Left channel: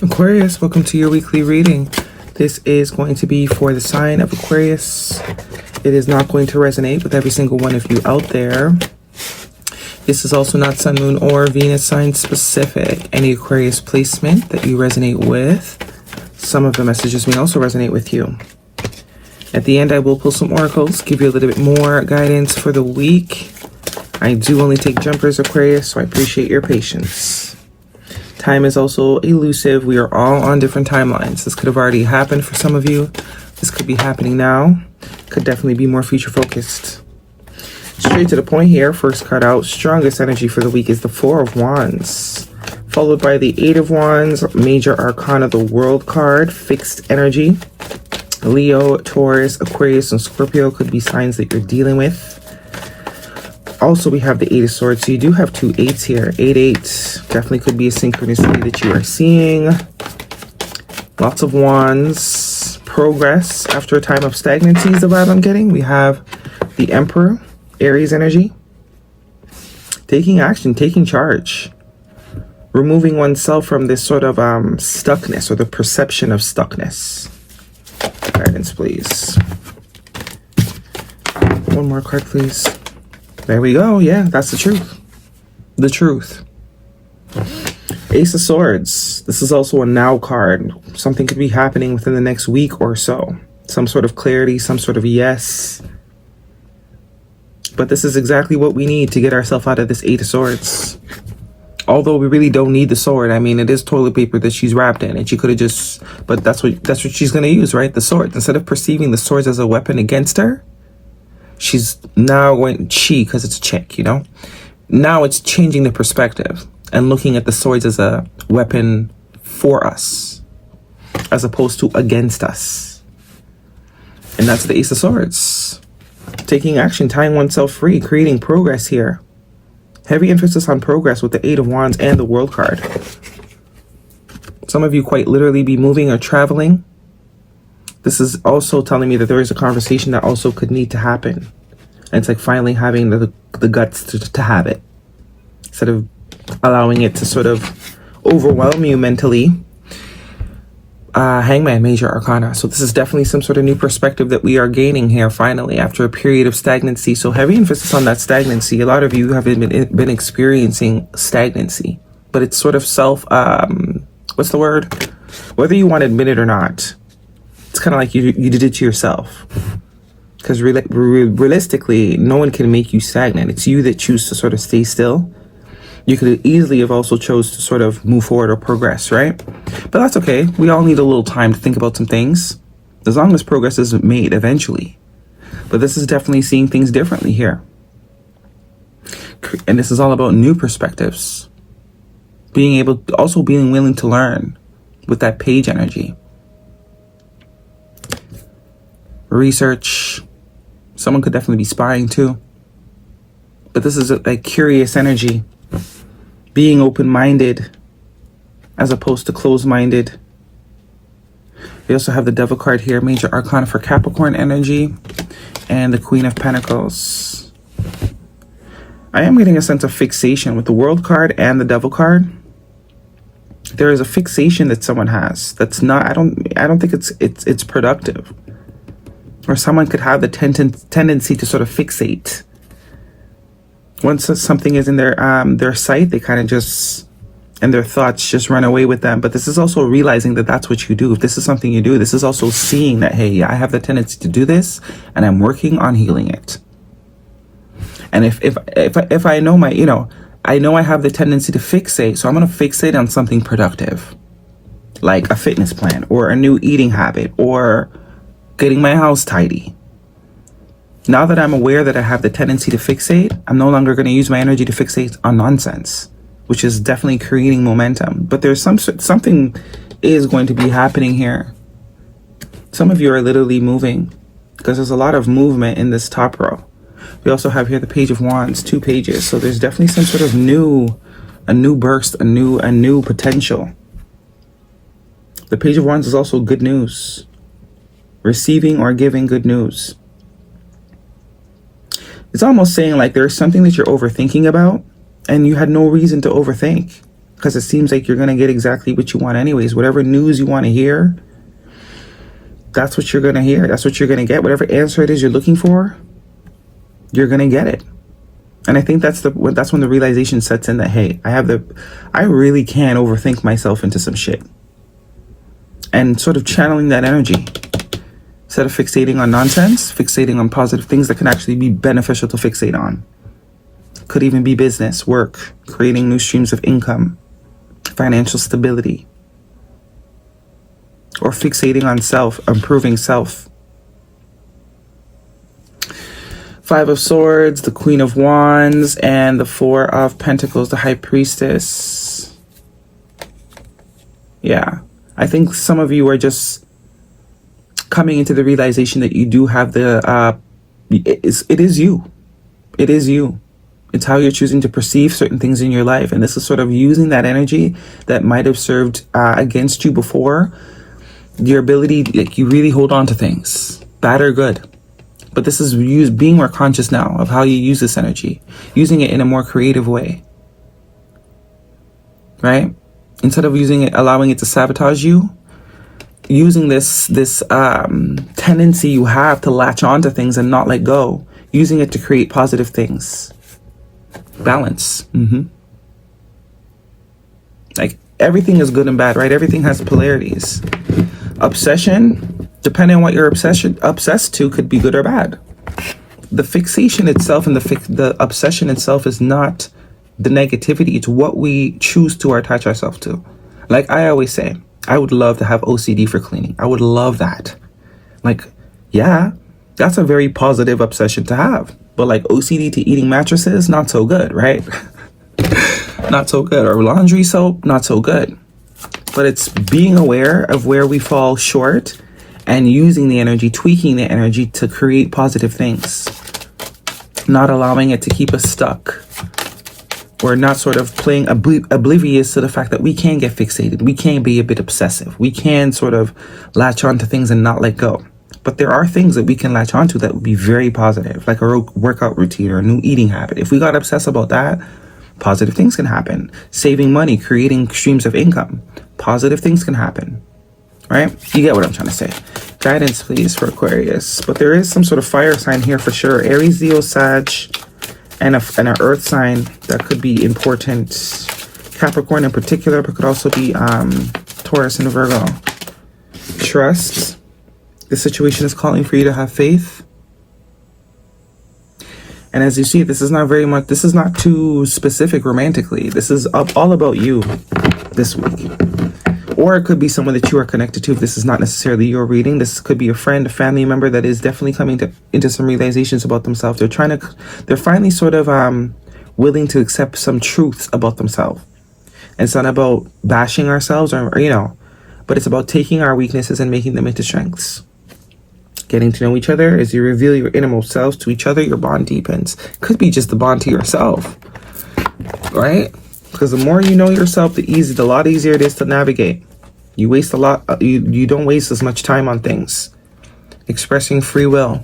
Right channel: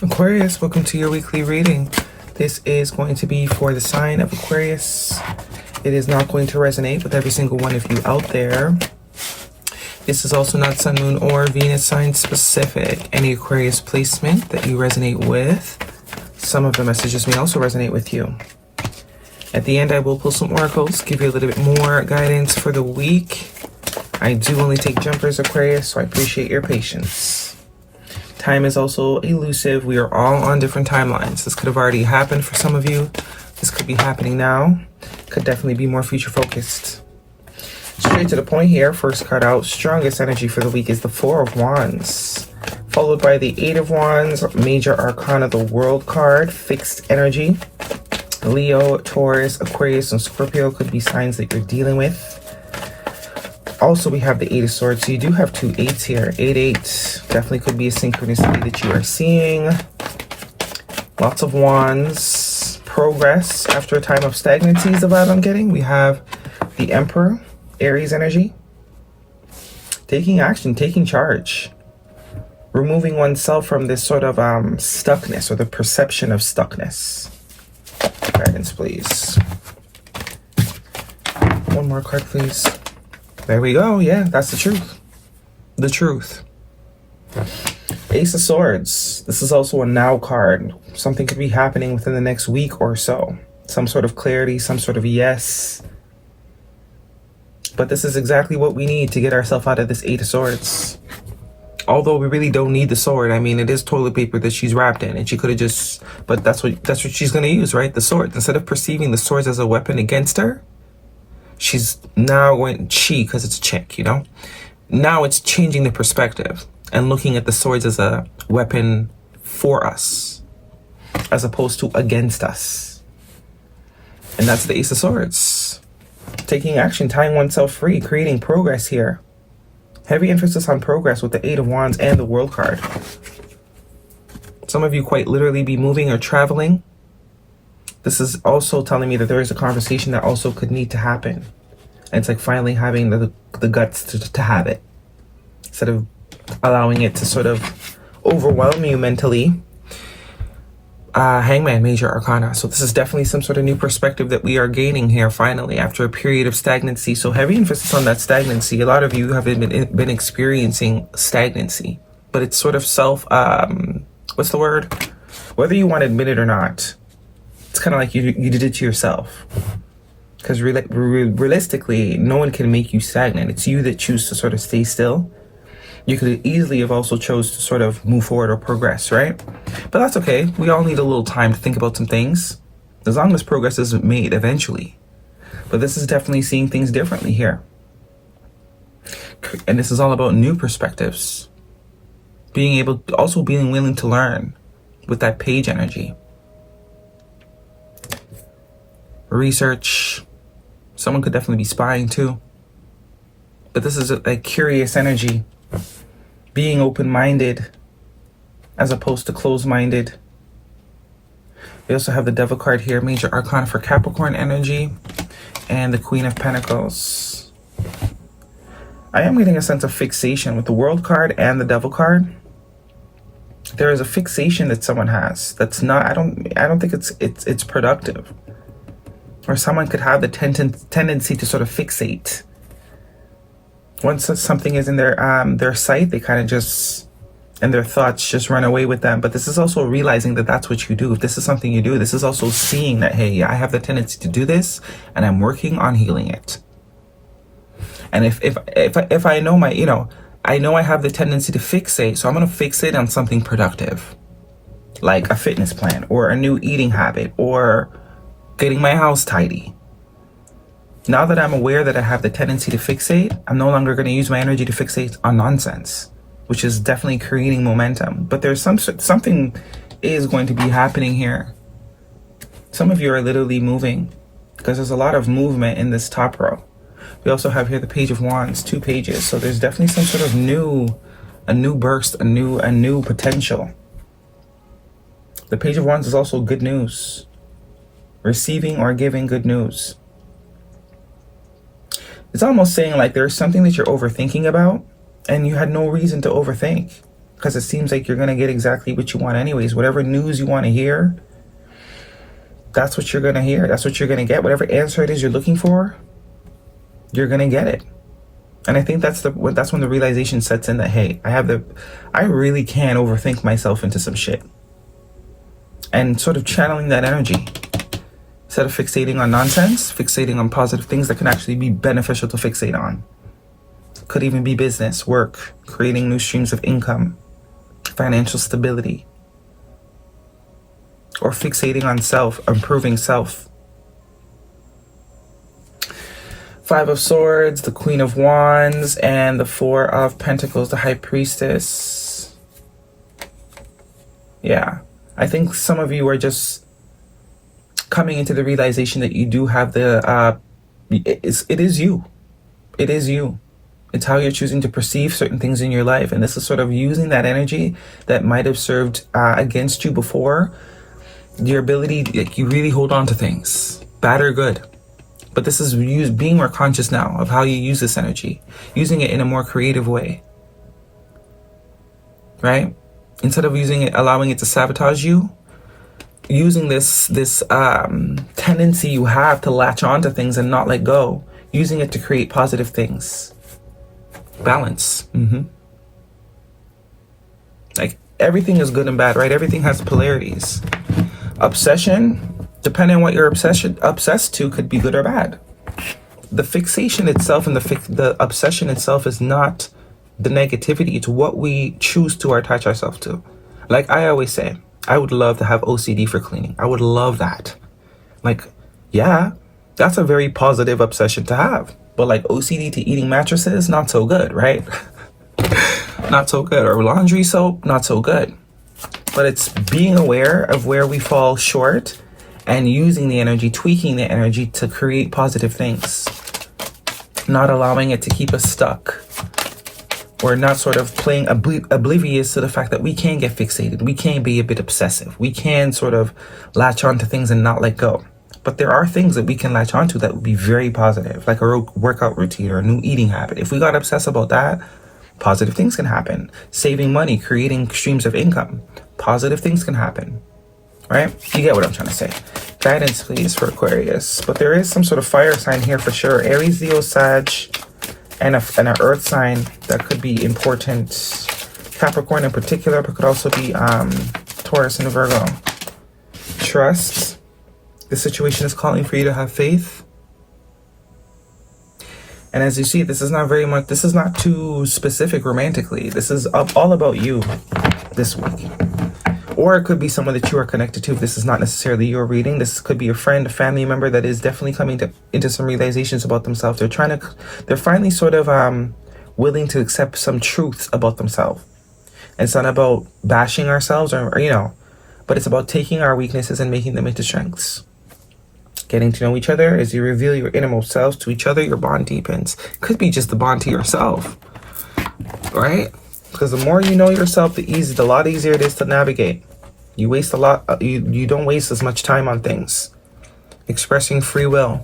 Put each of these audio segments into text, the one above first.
Aquarius, welcome to your weekly reading. This is going to be for the sign of Aquarius. It is not going to resonate with every single one of you out there. This is also not Sun, Moon, or Venus sign specific. Any Aquarius placement that you resonate with, some of the messages may also resonate with you. At the end, I will pull some oracles, give you a little bit more guidance for the week. I do only take jumpers, Aquarius, so I appreciate your patience. Time is also elusive. We are all on different timelines. This could have already happened for some of you. This could be happening now. Could definitely be more future focused. Straight to the point here. First card out, strongest energy for the week is the Four of Wands, followed by the Eight of Wands, major arcana, the World card, fixed energy. Leo, Taurus, Aquarius, and Scorpio could be signs that you're dealing with. Also, we have the Eight of Swords. So you do have two eights here. 8-8. Definitely could be a synchronicity that you are seeing. Lots of wands. Progress after a time of stagnancy is the vibe I'm getting. We have the Emperor, Aries energy. Taking action, taking charge. Removing oneself from this sort of stuckness or the perception of stuckness. Guidance, please. One more card, please. There we go. Yeah, that's the truth. The truth. Ace of Swords. This is also a now card. Something could be happening within the next week or so. Some sort of clarity, some sort of yes. But this is exactly what we need to get ourselves out of this Eight of Swords. Although we really don't need the sword. I mean, it is toilet paper that she's wrapped in, and she could have just, but that's what she's going to use, right? The sword. Instead of perceiving the swords as a weapon against her, she's now going, because it's a chick, you know? Now it's changing the perspective and looking at the swords as a weapon for us, as opposed to against us. And that's the Ace of Swords. Taking action, tying oneself free, creating progress here. Heavy emphasis on progress with the Eight of Wands and the World card. Some of you quite literally be moving or traveling. This is also telling me that there is a conversation that also could need to happen. And it's like finally having the guts to have it. Instead of allowing it to sort of overwhelm you mentally. Hangman, major arcana. So this is definitely some sort of new perspective that we are gaining here finally after a period of stagnancy. So heavy emphasis on that stagnancy. A lot of you have been experiencing stagnancy. But it's sort of what's the word? Whether you want to admit it or not. It's kind of like you did it to yourself. Because realistically, no one can make you stagnant. It's you that choose to sort of stay still. You could easily have also chose to sort of move forward or progress, right? But that's okay. We all need a little time to think about some things. As long as progress is made eventually. But this is definitely seeing things differently here. And this is all about new perspectives. Being willing to learn with that page energy. Research. Someone could definitely be spying too. But this is a curious energy. Being open-minded as opposed to closed-minded. We also have the Devil card here, major arcana for Capricorn energy, and the Queen of Pentacles. I am getting a sense of fixation with the World card and the Devil card. There is a fixation that someone has that's not, I don't think it's productive. Or someone could have the tendency to sort of fixate. Once something is in their sight, they kind of just, and their thoughts just run away with them. But this is also realizing that that's what you do. If this is something you do, this is also seeing that, hey, I have the tendency to do this, and I'm working on healing it. And if I know I know I have the tendency to fixate, so I'm going to fixate on something productive, like a fitness plan, or a new eating habit, or getting my house tidy. Now that I'm aware that I have the tendency to fixate, I'm no longer going to use my energy to fixate on nonsense, which is definitely creating momentum. But there's something is going to be happening here. Some of you are literally moving because there's a lot of movement in this top row. We also have here the Page of Wands, 2 pages. So there's definitely some sort of a new burst, a new potential. The Page of Wands is also good news. Receiving or giving good news. It's almost saying like there's something that you're overthinking about and you had no reason to overthink. because it seems like you're going to get exactly what you want anyways. Whatever news you want to hear, that's what you're going to hear. That's what you're going to get. Whatever answer it is you're looking for, you're going to get it. And I think that's when the realization sets in that, hey, I really can overthink myself into some shit. And sort of channeling that energy. Instead of fixating on nonsense, fixating on positive things that can actually be beneficial to fixate on. Could even be business, work, creating new streams of income, financial stability. Or fixating on self, improving self. 5 of Swords, the Queen of Wands, and the 4 of Pentacles, the High Priestess. Yeah, I think some of you are just coming into the realization that you do have it is you. It is you. It's how you're choosing to perceive certain things in your life. And this is sort of using that energy that might have served against you before. Your ability, you really hold on to things, bad or good. But this is being more conscious now of how you use this energy, using it in a more creative way, right? Instead of allowing it to sabotage you, using this tendency you have to latch onto things and not let go, using it to create positive things. Balance. Like everything is good and bad, right? Everything has polarities. Obsession, depending on what you're obsessed to, could be good or bad. The fixation itself and the obsession itself is not the negativity. It's what we choose to attach ourselves to. Like I always say, I would love to have OCD for cleaning. I would love that. Like, yeah, that's a very positive obsession to have. But like OCD to eating mattresses, not so good, right? Not so good. Or laundry soap, not so good. But it's being aware of where we fall short and using the energy, tweaking the energy to create positive things. Not allowing it to keep us stuck. We're not sort of playing oblivious to the fact that we can get fixated. We can be a bit obsessive. We can sort of latch onto things and not let go. But there are things that we can latch onto that would be very positive, like a workout routine or a new eating habit. If we got obsessed about that, positive things can happen. Saving money, creating streams of income. Positive things can happen, right? You get what I'm trying to say. Guidance, please, for Aquarius. But there is some sort of fire sign here for sure. Aries, Leo, Sag, and an earth sign that could be important. Capricorn in particular, but could also be Taurus and Virgo. Trust. The situation is calling for you to have faith. And as you see, this is not too specific romantically. This is all about you this week. Or it could be someone that you are connected to. If this is not necessarily your reading, this could be a friend, a family member that is definitely coming into some realizations about themselves. They're finally sort of willing to accept some truths about themselves. It's not about bashing ourselves or but it's about taking our weaknesses and making them into strengths. Getting to know each other as you reveal your innermost selves to each other, your bond deepens. Could be just the bond to yourself, right? Because the more you know yourself, the lot easier it is to navigate. You waste a lot. You don't waste as much time on things. Expressing free will.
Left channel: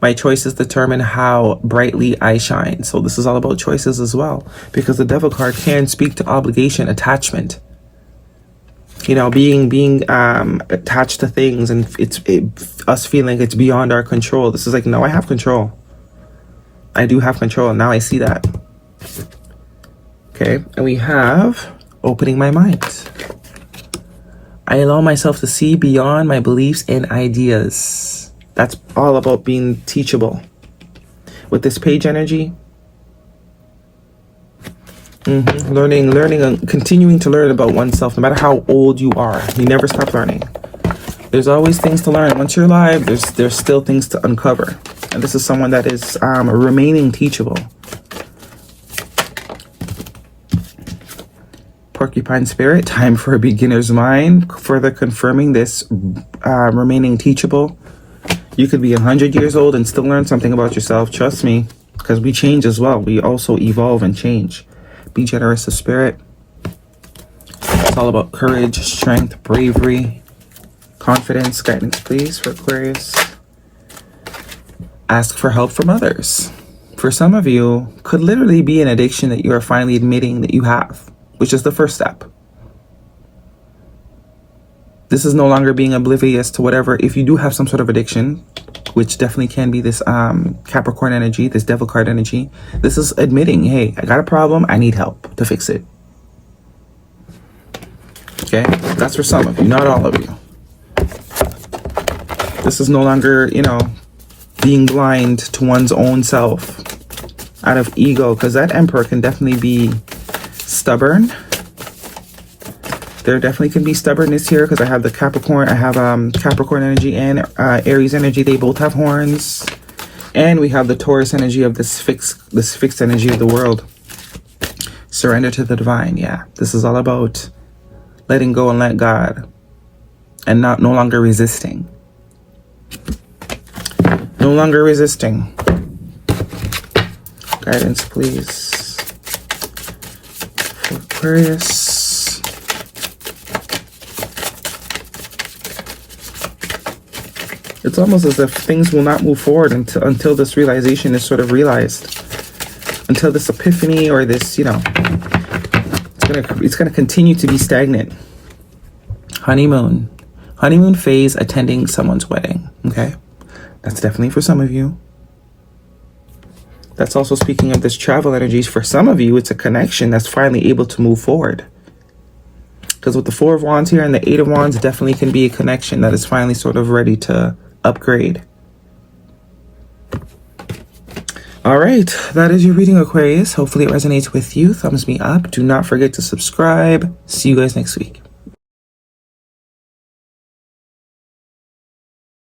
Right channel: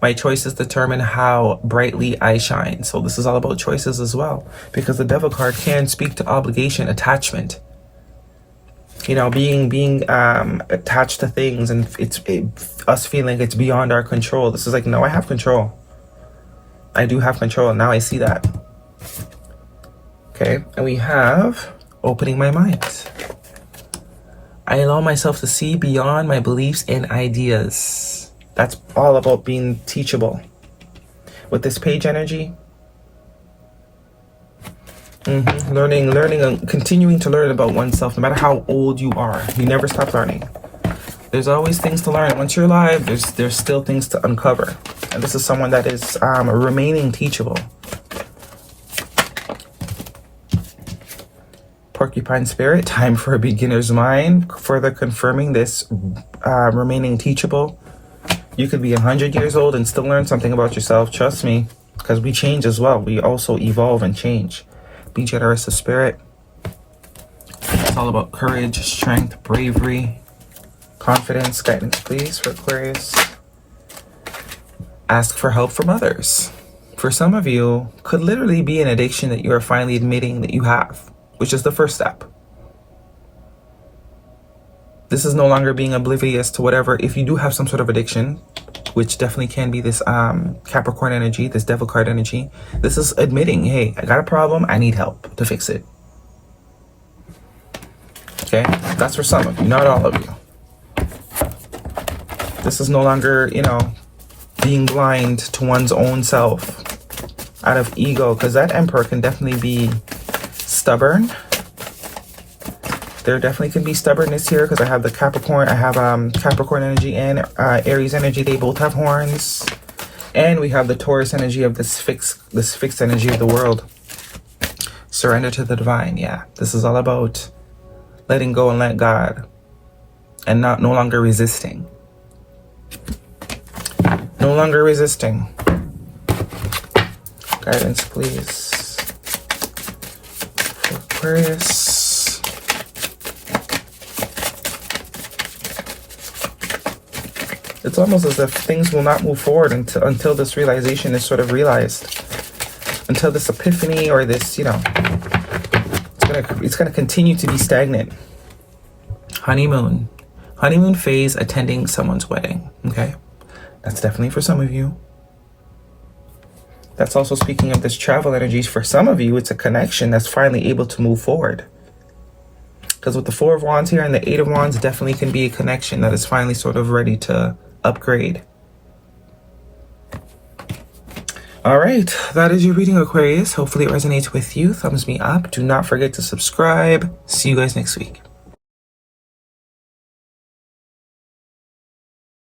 My choices determine how brightly I shine. So this is all about choices as well, because the Devil card can speak to obligation, attachment. Being attached to things, and us feeling it's beyond our control. This is like, no, I have control. I do have control. Now I see that. Okay, and we have opening my mind. I allow myself to see beyond my beliefs and ideas. That's all about being teachable. With this page energy, learning and continuing to learn about oneself, no matter how old you are. You never stop learning. There's always things to learn. Once you're alive, there's still things to uncover. And this is someone that is remaining teachable. Porcupine spirit, time for a beginner's mind. Further confirming this remaining teachable. You could be 100 years old and still learn something about yourself. Trust me, because we change as well. We also evolve and change. Be generous of spirit. It's all about courage, strength, bravery, confidence. Guidance, please, for Aquarius. Ask for help from others. For some of you, could literally be an addiction that you are finally admitting that you have, which is the first step. This is no longer being oblivious to whatever. If you do have some sort of addiction, which definitely can be this Capricorn energy, this devil card energy, this is admitting, hey, I got a problem, I need help to fix it. Okay, that's for some of you, not all of you. This is no longer, you know, being blind to one's own self out of ego, because that Emperor can definitely be stubborn. There definitely can be stubbornness here, because I have the Capricorn. I have Capricorn energy and Aries energy. They both have horns. And we have the Taurus energy of this fixed energy of the world. Surrender to the divine. Yeah, this is all about letting go and let God, and no longer resisting. No longer resisting. Guidance, please, for Aquarius. It's almost as if things will not move forward until this realization is sort of realized. Until this epiphany, or this, you know, it's gonna continue to be stagnant. Honeymoon. Honeymoon phase, attending someone's wedding. Okay? That's definitely for some of you. That's also speaking of this travel energies. For some of you, it's a connection that's finally able to move forward. Because with the Four of Wands here and the Eight of Wands, definitely can be a connection that is finally sort of ready to upgrade. All right, that is your reading, Aquarius. Hopefully it resonates with you. Thumbs me up. Do not forget to subscribe. See you guys next week.